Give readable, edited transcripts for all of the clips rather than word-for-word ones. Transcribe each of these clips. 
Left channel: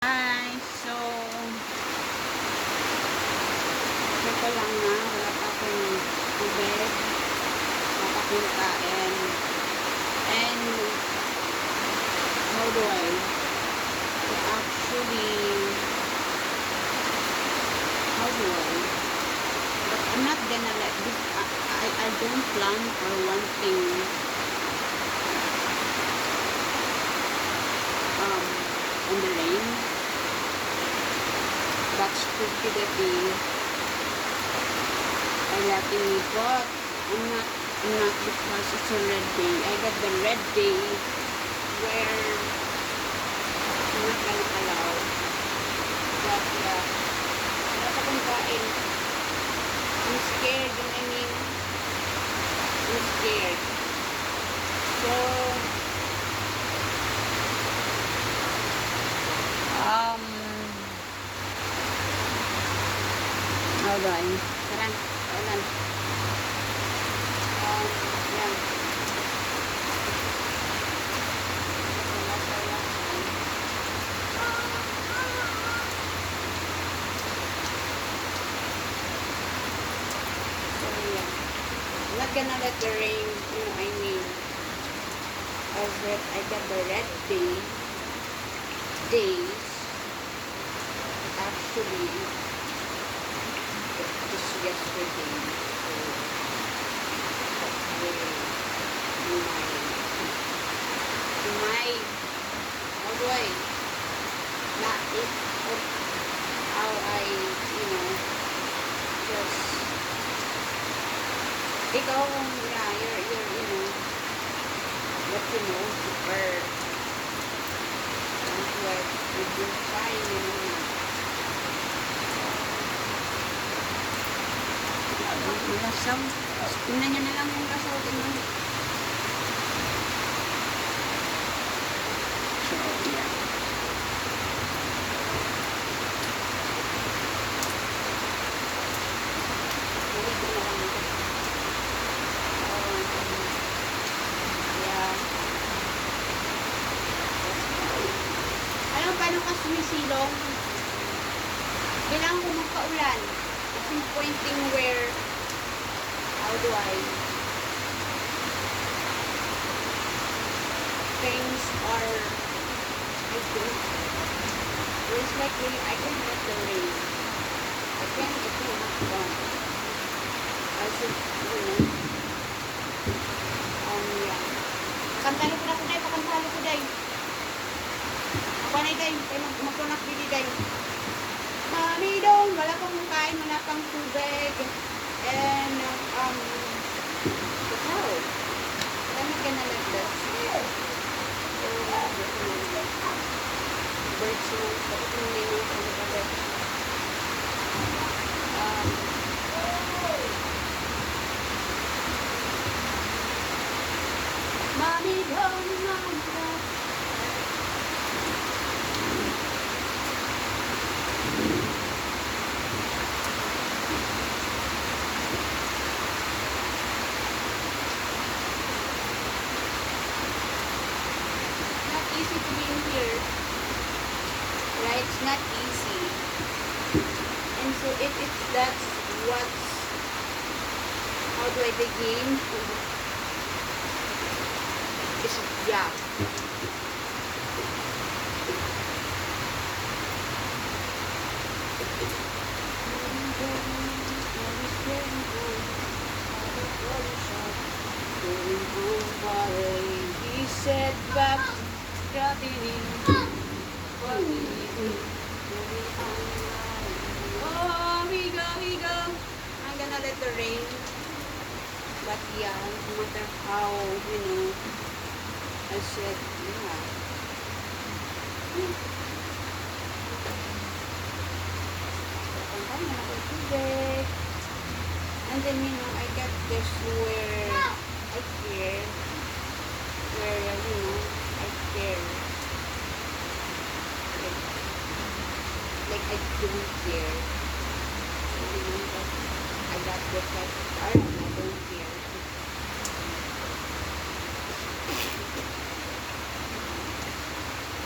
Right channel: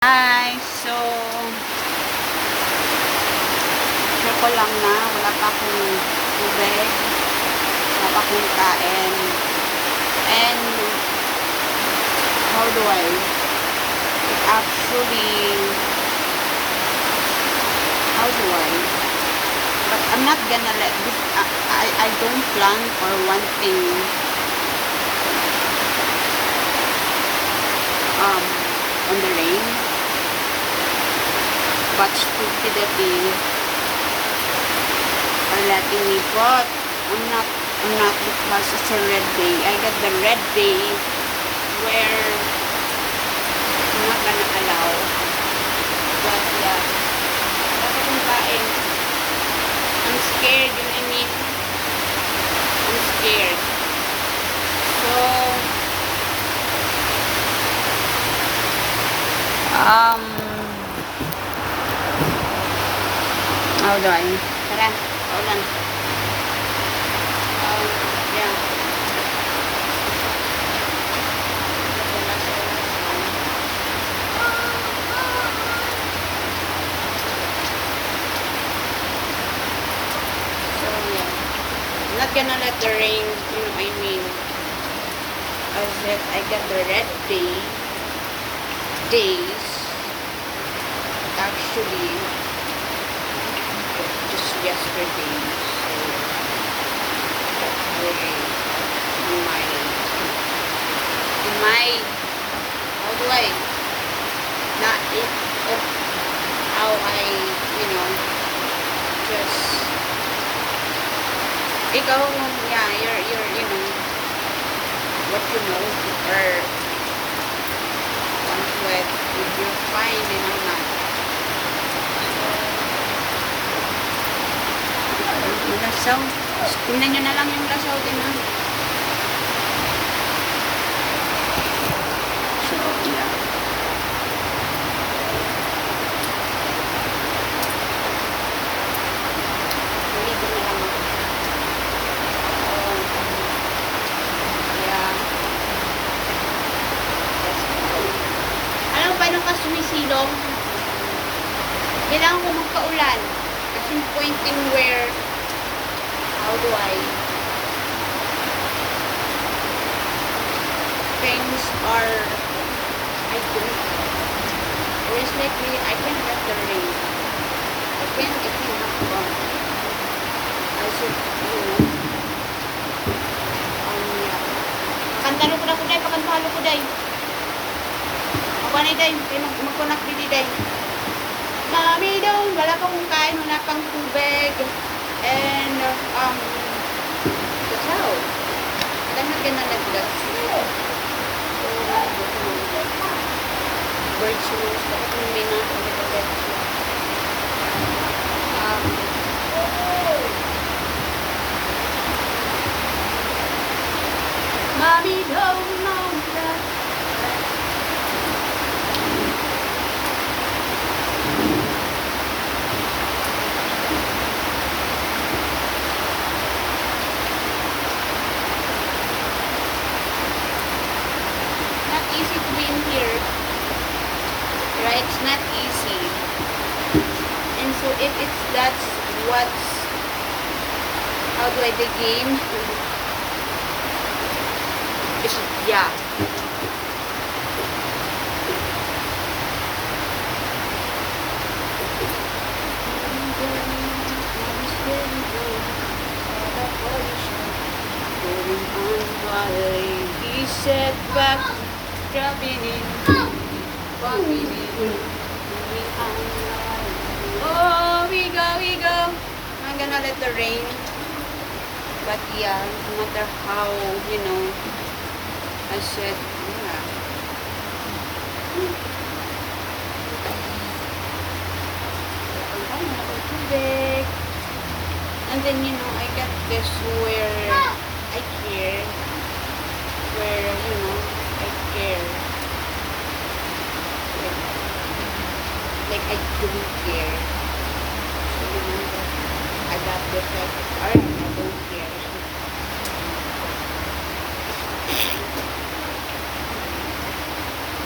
Hi! So, share ko lang na wala pa akong tubig, wala pa akong kain. And, how do I? It actually, how do I? But I'm not gonna let this, I don't plan or one thing, on the rain. But stupidity are letting me, but I'm not because it's a red day. I got the red day where I'm not gonna allow. But yeah, dapat kong kain. I'm scared, you know what I mean? I'm scared. So, how do I? Tara, paulan. Yeah. So, yeah. I'm not gonna let the rain, you know, I mean, I said I got the red days. Actually, just yesterday, so that's really my how do I not it of how I, you know, just ikaw, yeah, you're you know what you know, or once with you're fine and I'm not. Yung lasaw. Tingnan nyo na lang yung lasaw, tingnan. So, yeah. Maligo na lang ako. Yeah. Alam mo, paano ka sumisilong? Kailangan ko magpaulan. Kasi pointing where how do I things are I think there's like I can't let the rain it can have gone I should you know yeah pakantalo ko na ko day pakantalo ko day mabanay day kaya magkunak dili day mami doon wala pa kong kain wala pang tubig and that's how but I'm not gonna let that so birds nose ako kung may nakakalipagat mommy don't know that easy to be in here, right? It's not easy, and so if it's that's what's how do I the game it's yeah going on while he said back dropping in, popping in, moving on. Oh, we go. I'm gonna let the rain. But yeah, no matter how, you know, I said, yeah. And then, you know, I got this where I care, where, you know, care like I don't care so you know that I got this like alright I don't care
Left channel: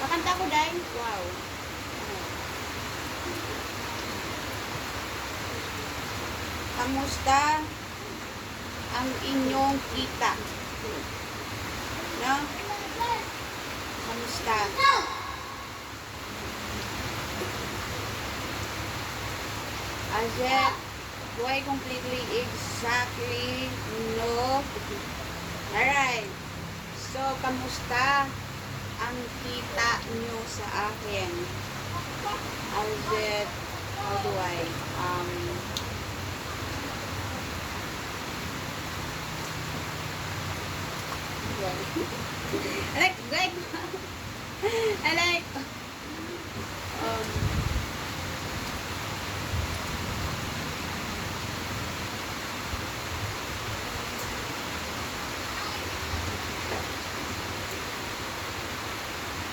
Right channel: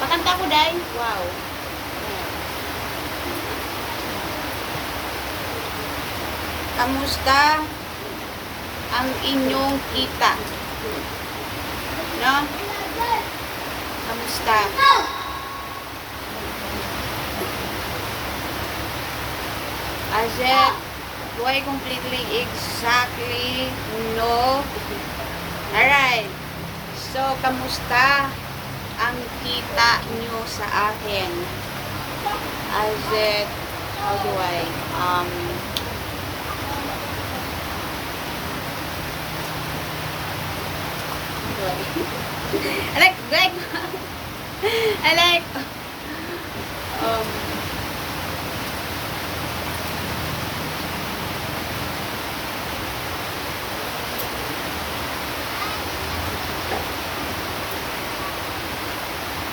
pakanta ko dahil wow Kamusta ang inyong kita? No? Kamusta? As it, do I completely, exactly, no? Alright. So, kamusta ang kita nyo sa akin? As it, how do I, I like, I like,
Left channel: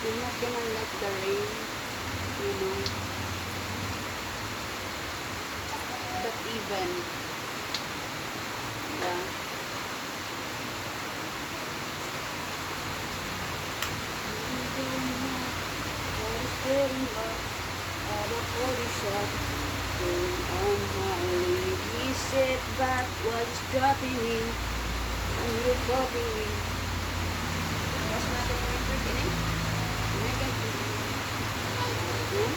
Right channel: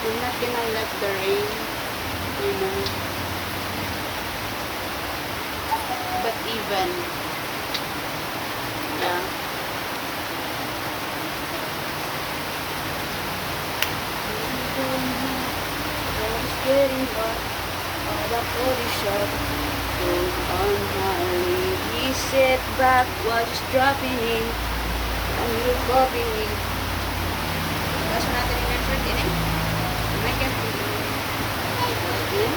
I'm not gonna let the rain, you know, but even, yeah. It's getting hot, all the body shot, going on my leave. We sit back while just dropping in, and you're popping in. Basta natin yung effort din eh. Oh my God. Yeah?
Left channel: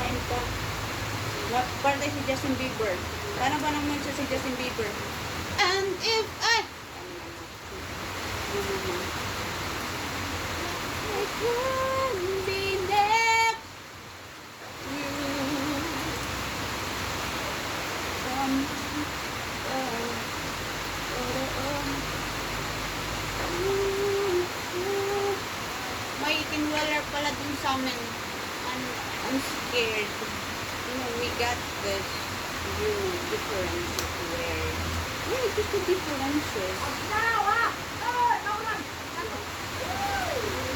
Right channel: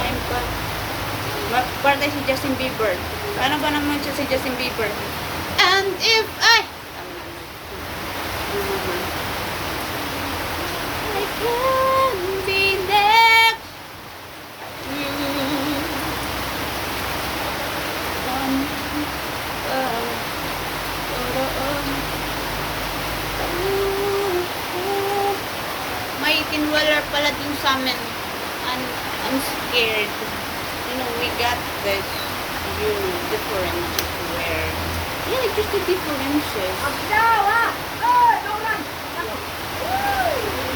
I'm pa. Magpartay si Justin Bieber. Paano ba naman siya si Justin Bieber? And if I can be next to you. May tinwaler pala din sa amin. I'm scared. You know, we got this, you know, differences where, yeah, just the differences.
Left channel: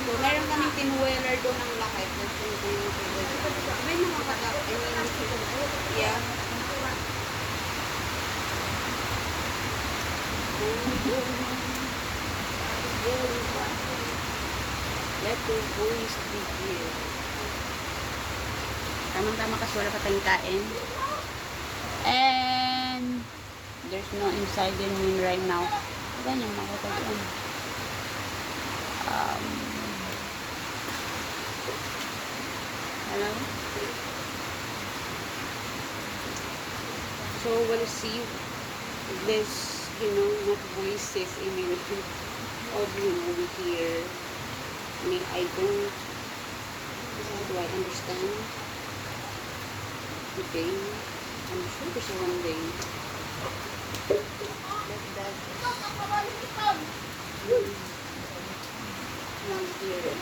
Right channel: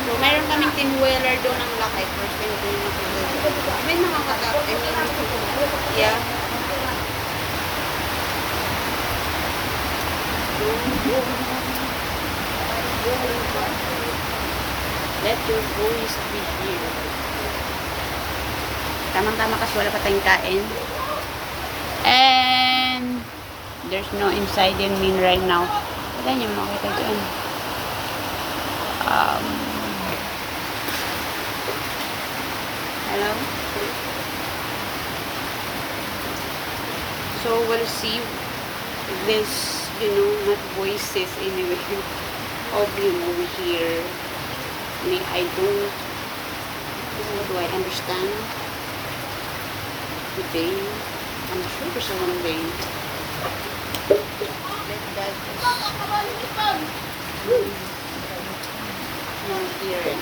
So, mayroon kaming tinweller doon ang laki. First time ko yung nakikita. May nakakatakot. I mean, yeah. Let your voice be here. Tamang-tama kasi wala pa tayong kain. And there's no inside in me right now. Wala niyo makita dyan. Hello? So we'll see this, you know, not voices anyway of, you know, over here. I mean, I don't, how do I understand today? I'm sure there's a one day. Let that no hear it.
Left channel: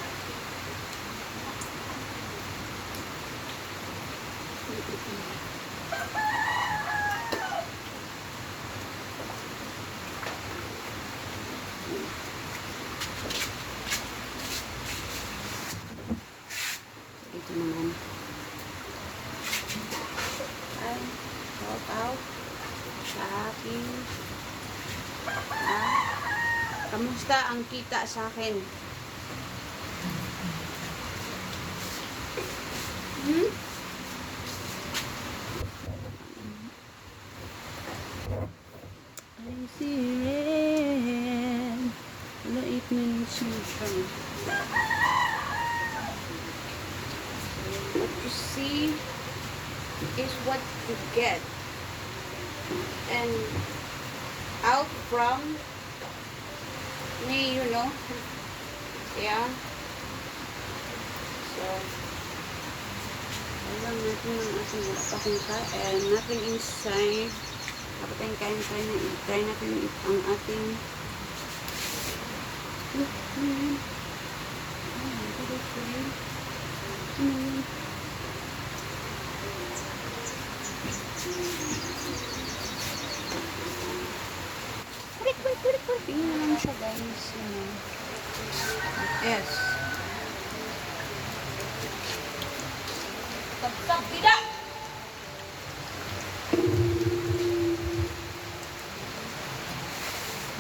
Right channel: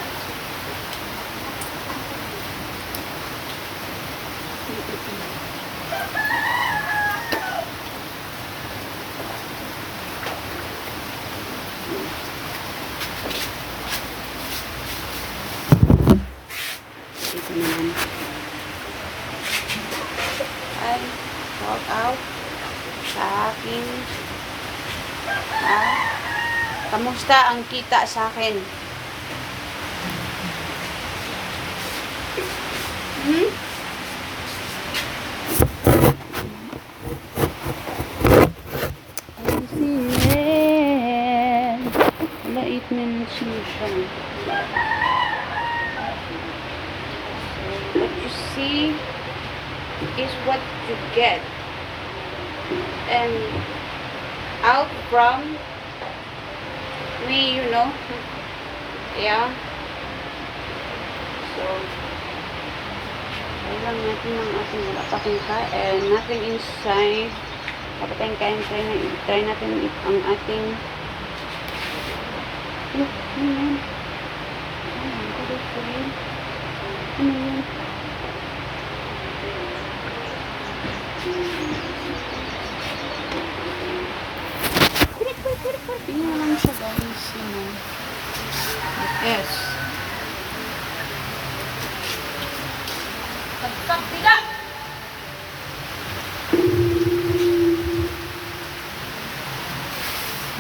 Ito naman. Ay, shout out sa akin. Kamusta ang kita sa akin? Wala 8 minutes yun siya. What you see is what you get. And out from me, you know. Yeah. So, alam natin ng ating wala pa kang kain. Nothing inside. Kapag tayong kain, try natin ang ating look, ano yun? Ano yun? Ano yun? Tingnan lang siya guys. Yes. Pagkak tidak!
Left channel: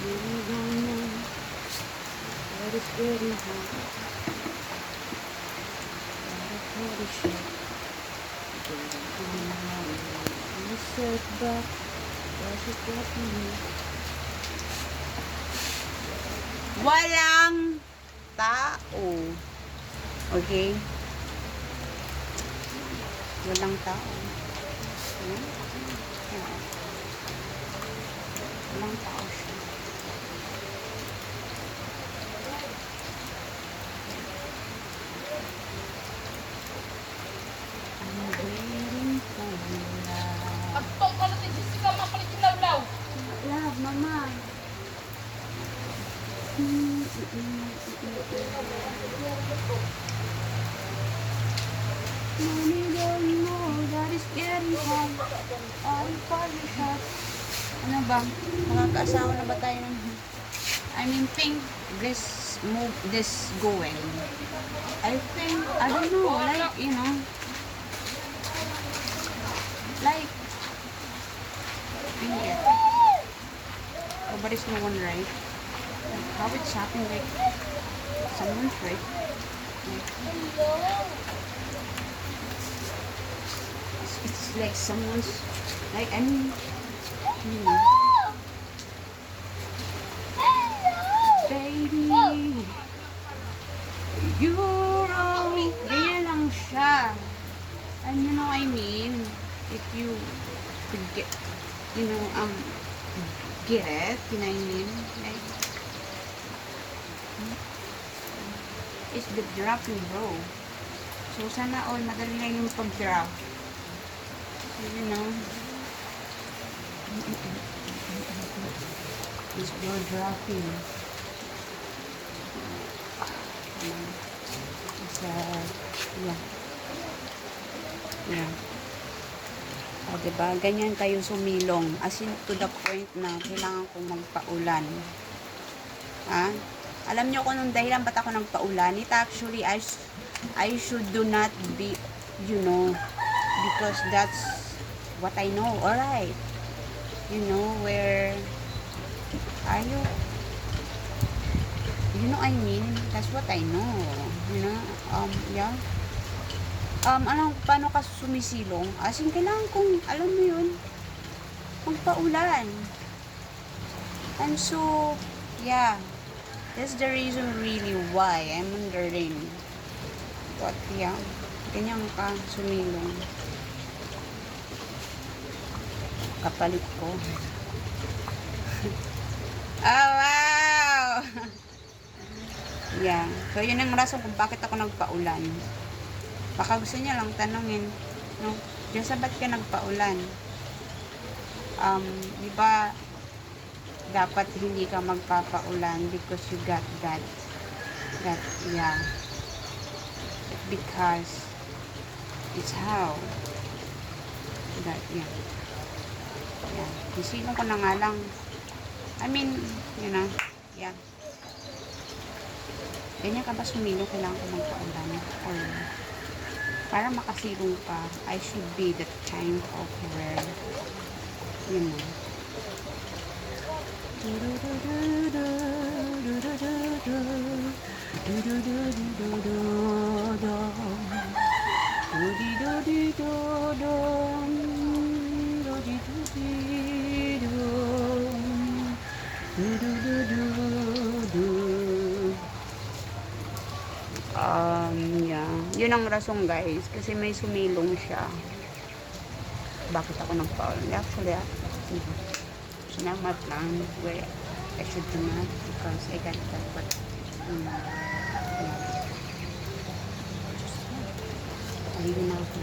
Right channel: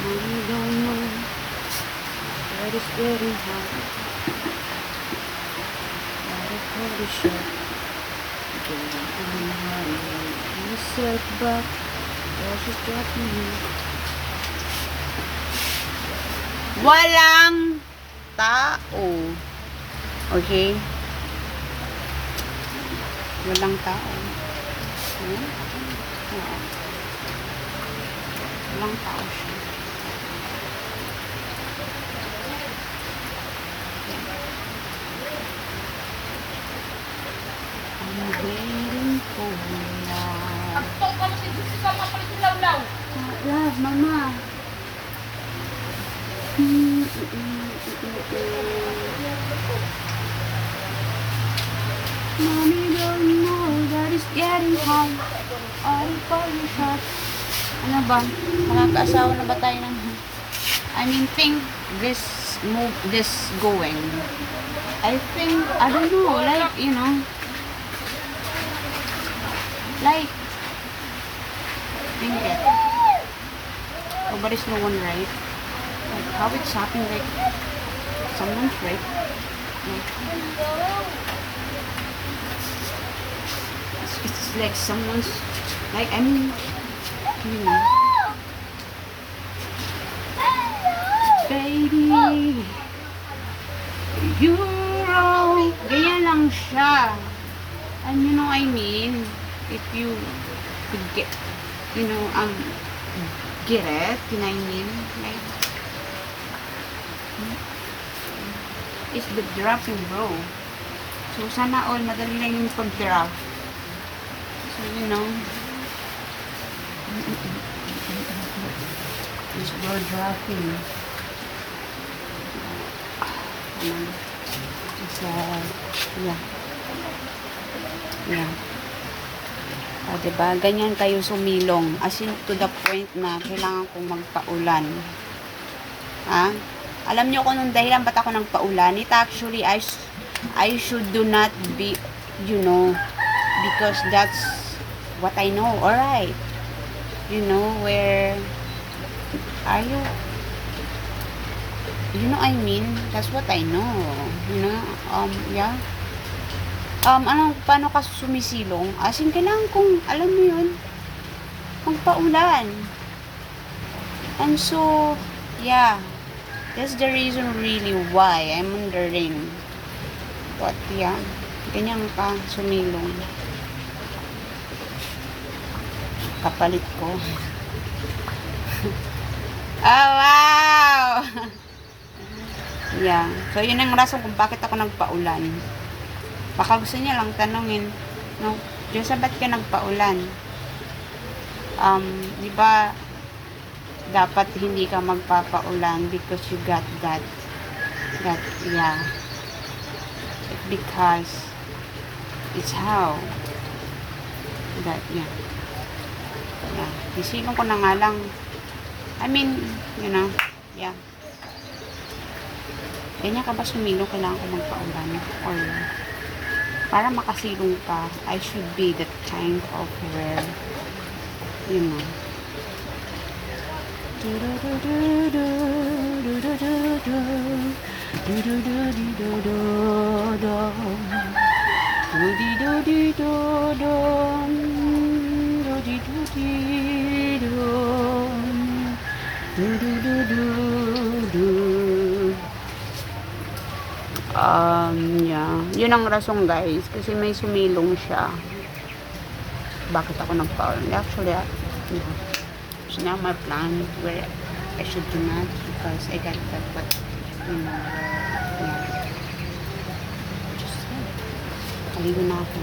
I don't know what is getting hot. What a party shot. Back. Just drop me. Walang tao. Okay? Walang tao. Ayan. Oo. Walang tao siya. I'm waiting for love. Agto ka na si Jessica, mapalit yung lawlaw. Love, mama. Mommy don't know that it's getting hot. All the coffee shop. Ano ba? Nakakaasawa na ba tayo ng... I mean, think this move, this going. I think, I don't know, like, you know, like, think it. Oh, but it's no one right. Like, how it's happening, like, someone's right. Like, it's like someone's, like, I mean, you know. Baby, you're wrong. Ganyan lang siya. And you know what I mean? If you could get, you know, get it, you know what I mean? Like, it's the dropping, bro. So, sana all, madali lang yung pag-drop. So, you know, it's bro dropping. It's, yeah. Yeah. O, diba? Ganyan kayo sumilong. As in, to the point na kailangan kong magpaulan. Ha? Alam niyo kung anong dahilan ba't ako nagpaulan? It actually, I should do not be, you know, because that's what I know. Alright. You know, where are you? You know what I mean? That's what I know. You know? Yeah. Paano ka sumisilong? As in, kailangan kong, alam mo yun, magpaulan. And so, yeah. That's the reason really why I'm wondering. But, yeah. Ganyan ka sumilong. Kapalit ko. Oh, wow! Yeah. So, yun ang rason kung bakit ako nagpaulan. Baka gusto niya lang tanongin, no? Diyos, ba't ka nagpaulan? Di ba, dapat hindi ka magpapaulan because you got that, yeah. Because, it's how, that, yeah. Yeah. Isilong ko na nga lang. I mean, you know, yeah. Ganyan ka ba sumilong, kailangan ko magpaulan? Or, para makasilong ka, I should be that kind of where, you know. Yeah. Yun ang rason, guys. Kasi may sumilong siya. Bakit ako nagpaulan? Actually, it's not my plan where I should do not because I got that, but, yeah. Just, paligo na ako.